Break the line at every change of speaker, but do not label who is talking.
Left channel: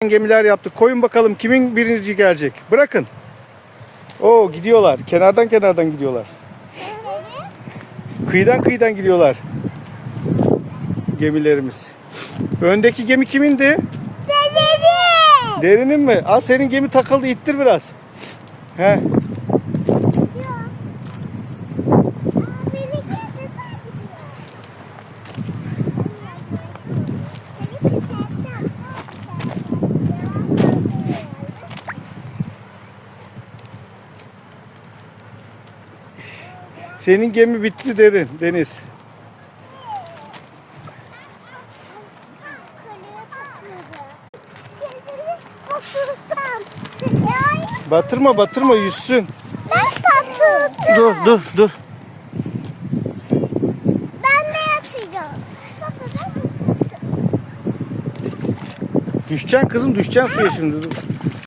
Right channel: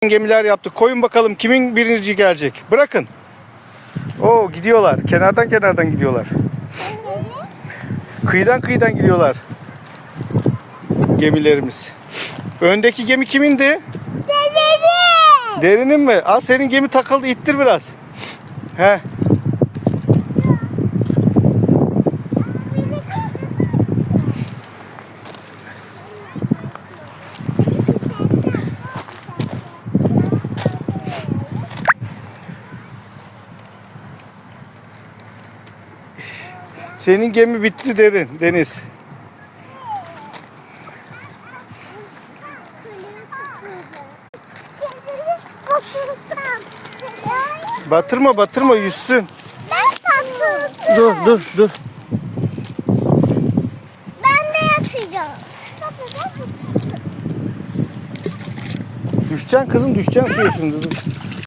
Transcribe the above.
gemiler yaptık. Koyun bakalım kimin birinci gelecek. Bırakın. Oo gidiyorlar. Kenardan kenardan gidiyorlar. Kıyıdan kıyıdan gidiyorlar. Gemilerimiz. Öndeki gemi kimindi?
Dededim.
Derinin mi? Aa senin gemi takıldı. ittir biraz. He. Senin gemi bitti derin Deniz. Batırma batırma yüzsün.
Ben.
Dur dur dur.
Ben de yatacağım.
Düşeceksin kızım düşeceksin suya şimdi dur.